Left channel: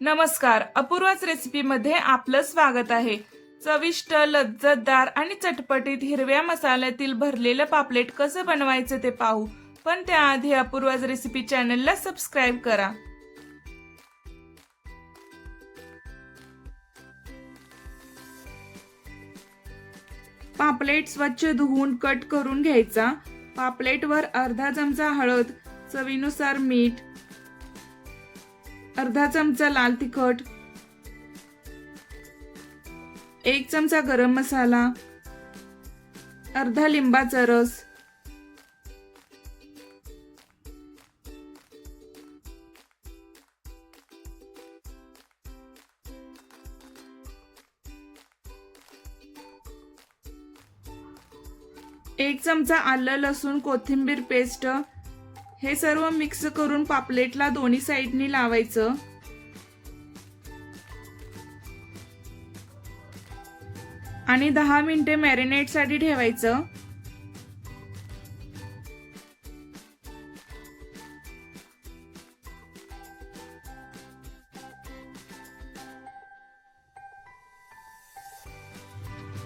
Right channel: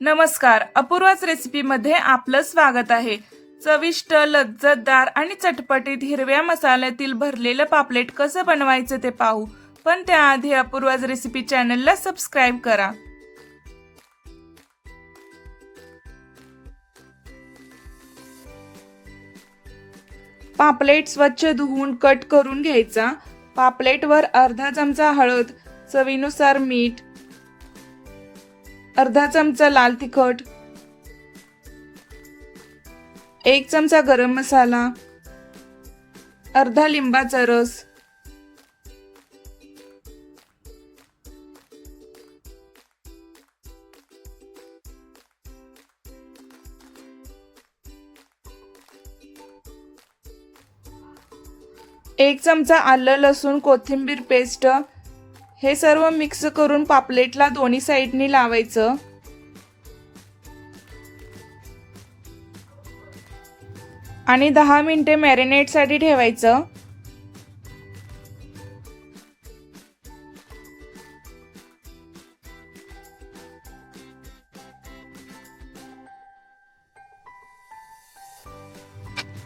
नमस्कार, अपूर्वाच रेसिपीमध्ये आपलं स्वागत आहे। चविष्ट, लज्जतदार आणि चटपटीत हिरव्या मसाल्यातील भरलेलं पापलेट कसं बनवायचं ते पाहू। पण त्याआधी अपूर्वाच रेसिपी चॅनलला सबस्क्राइब करा। पापलेट स्वच्छ धुवून कट करून घ्यायचा। पापलेटवर अर्धा चमचा हळद, चवीनुसार मीठ, अर्धा चमचा लाल तिखट, 1 चमचा गरम मसाला, अर्धा लिंबाचा रस, एक चमचा आलं लसूण कोथिंबीर पेस्ट। हे सर्व मिक्स करून पापलेटला दोन्ही साइडनी लावायचं आणि 10 मिनिटे मॅरिनेट साठी ठेवायचं।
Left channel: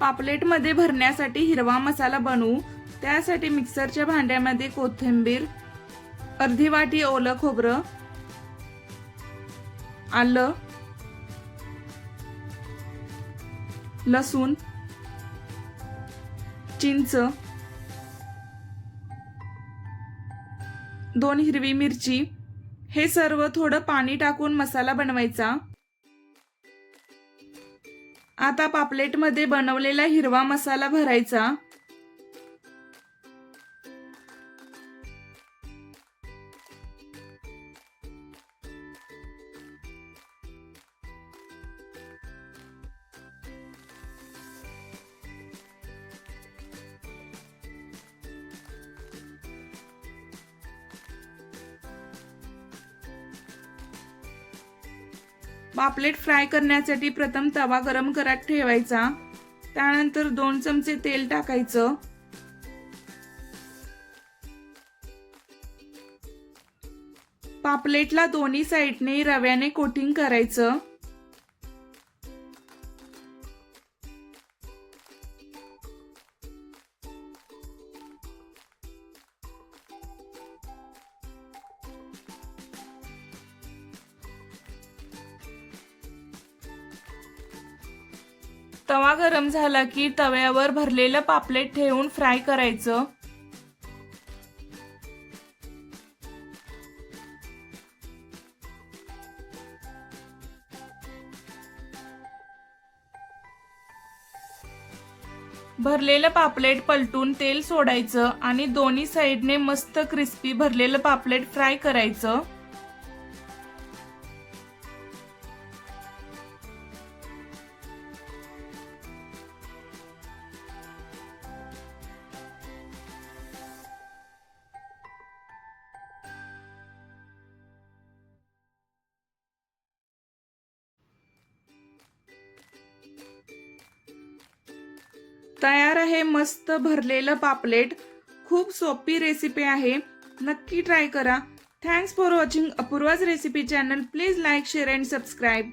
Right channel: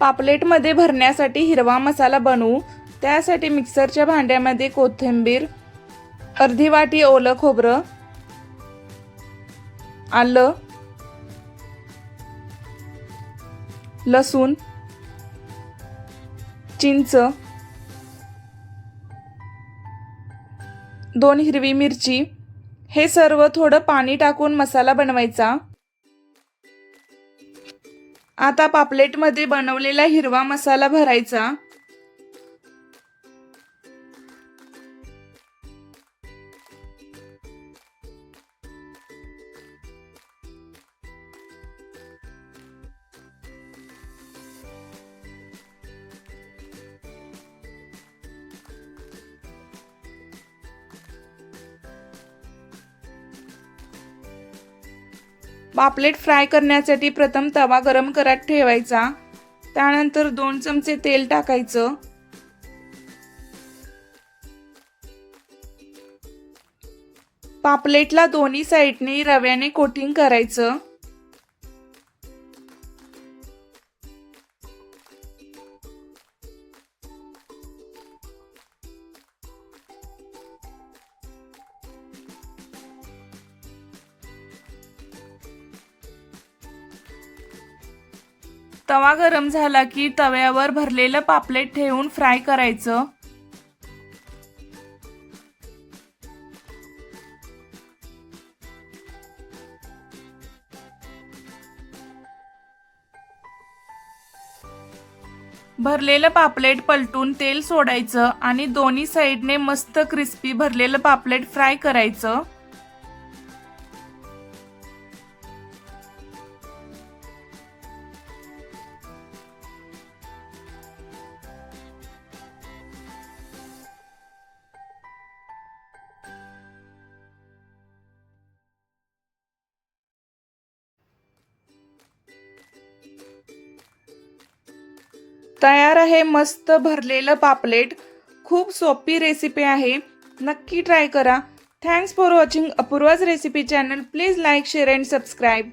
पापलेट मध्ये भरण्यासाठी हिरवा मसाला बनवू। त्यासाठी मिक्सरच्या भांड्यामध्ये कोथिंबीर, अर्धी वाटी ओलं खोबरं, आलं, लसूण, चिंच, 2 हिरवी मिरची हे सर्व थोडं पाणी टाकून मसाला बनवायचा। आता पापलेट मध्ये बनवलेला हिरवा मसाला भरायचा। पापलेट फ्राय करण्यासाठी प्रथम तवा गरम करत ठेवायचा। त्यानंतर 2 चमचे तेल टाकायचं। पापलेटला दोन्ही साइडनी रव्याने कोटिंग करायचं। तवा गरम झाला की तव्यावर भरलेलं पापलेट ठेवून फ्राय करायचं। भरलेलं पापलेट पलटून तेल सोडायचं आणि दोन्ही साइडने मस्त क्रिस्पी भरलेलं पापलेट फ्राय करायचं। तयार आहे मस्त भरलेलं पापलेट। खूप सोपी रेसिपी आहे, नक्की ट्राय करा। Thanks for watching Apoorva's recipe channel. Please like, share and subscribe.